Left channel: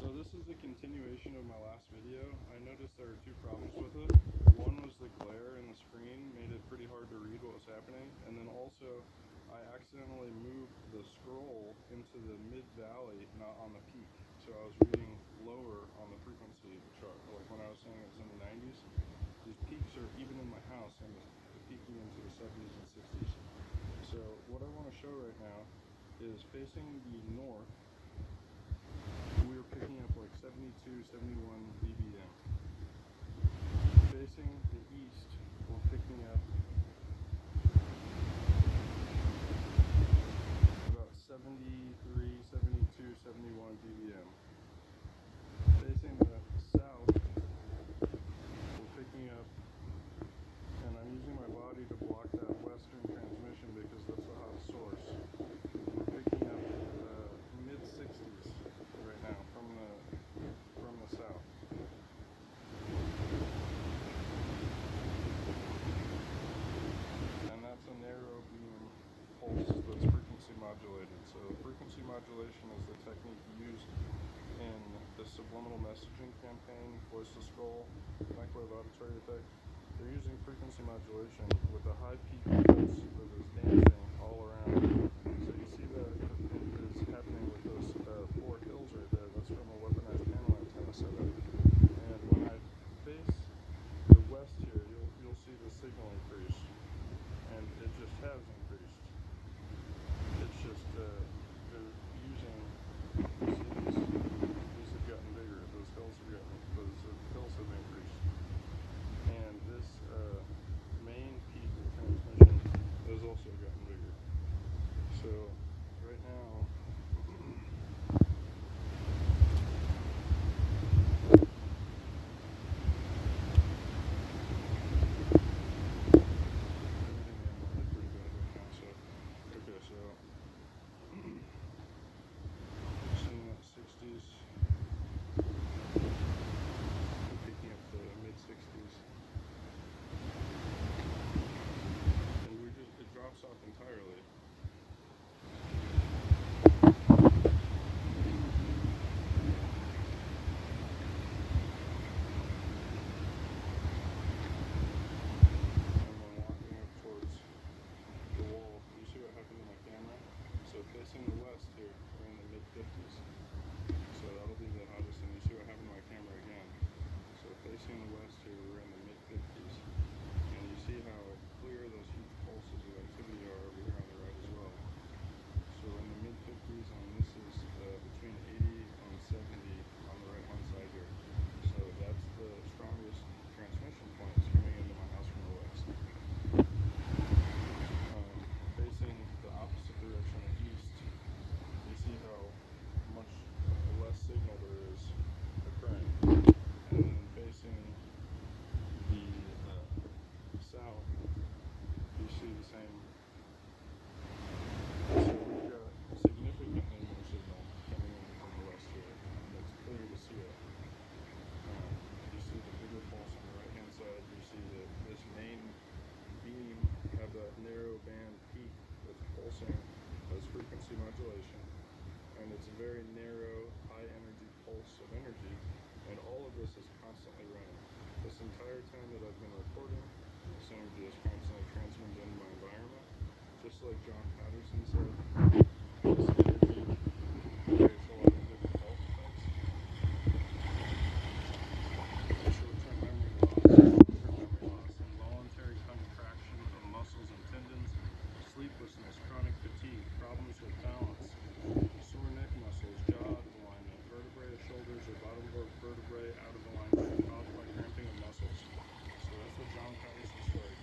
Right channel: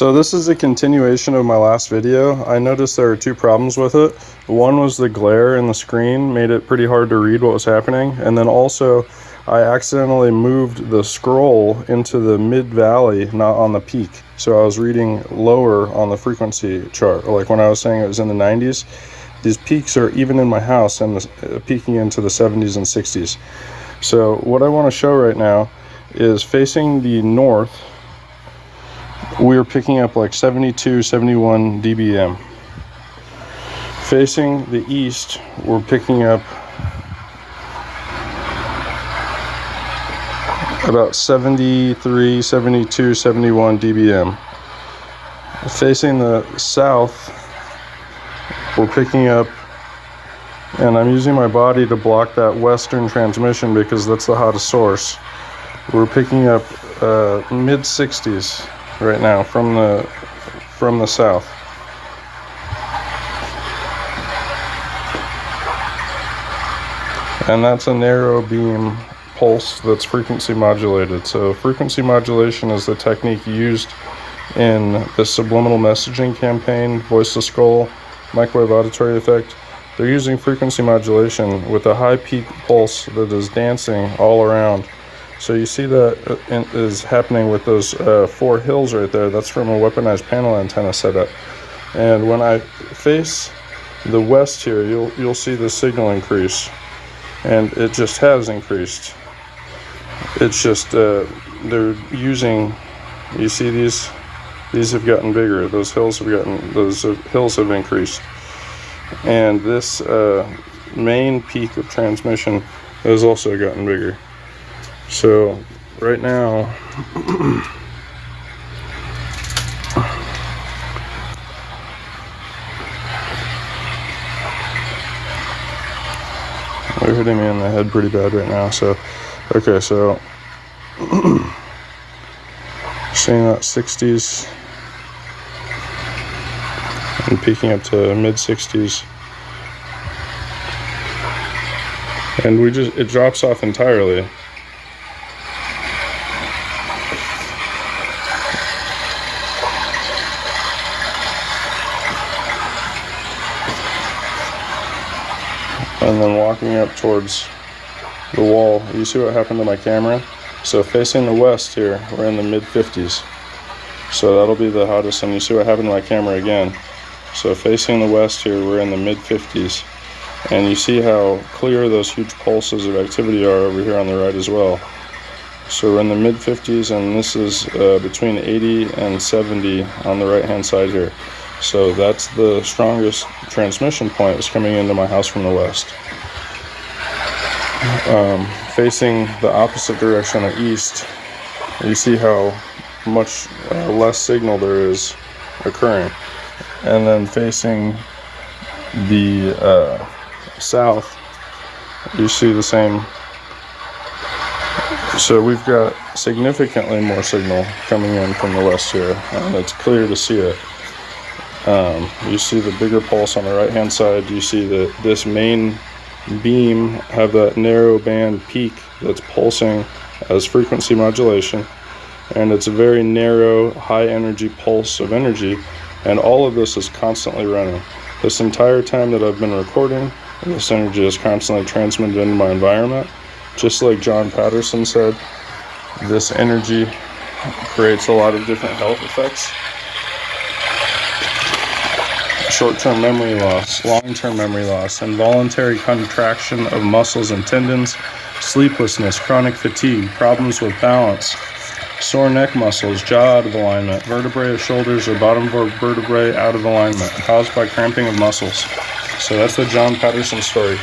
So this is a continuation of my last video. I noticed there were two problems with it. One was the glare in the screen made it pretty hard to read what was happening, and then also I accidentally moved the scroll into the mid-valley, not on the peak. So I was reading lower on the frequency chart. Like when I was saying it was in the 90s, these peaks are even in my house and peaking into the 70s and 60s. So what I want to show right now is facing the north, we're picking up like 72, 71 dBm. Facing the east, we're picking up about 73, 72, 71 dBm. Facing the south, we're picking up, and I'm using my body to block that western transmission because that's the hottest source. We're picking up mid 60s right now from the south. And that's a narrow beam pulse that's frequency modulated. So frequency modulation is the technique used in the subliminal messaging campaign, voice to skull, microwave auditory effect. They're using frequency modulation with a high peak pulse that is dancing all around. So you see that is happening with those 4 hills right there. That's from a weaponized panel antenna setup. And when I face the west here, you'll see the signal increase, and it just has increased. It's just they're using. You see these have gotten bigger. Those hills have increased, and this main peak of transmission has also gotten bigger. So right now, they're hitting me in the head pretty bad right now. So, okay, so seeing that 60s and peaking up to mid 60s, and it drops off entirely. And then walking up towards the wall, you see what happened to my camera? So facing the west here, we're in the mid 50s. So that'll be the hottest, and you see what happened to my camera again. So facing the west here, we're in the mid 50s. And you see how clear those huge pulses of activity are over here on the right as well. So we're in the mid 50s, and this is between 80 and 70 on the right hand side here. So that's the strongest transmission point is coming into my house from the west. Facing the opposite direction of east, you see how much less signal there is occurring. And then facing the south, you see the same. So we've got significantly more signal coming in from the west here, and it's clear to see it. You see the bigger pulse on the right hand side. You see that this main beam have that narrow band peak that's pulsing as frequency modulation, and it's a very narrow high energy pulse of energy, and all of this is constantly running. This entire time that I've been recording, this energy is constantly transmitted into my environment. Just like John Patterson said, this energy creates a lot of different health effects. Short-term memory loss, long-term memory loss, involuntary contraction of muscles and tendons, sleeplessness, chronic fatigue, problems with balance, sore neck muscles, jaw out of alignment, vertebrae of shoulders or bottom vertebrae out of alignment, caused by cramping of muscles. So that's the John Patterson story.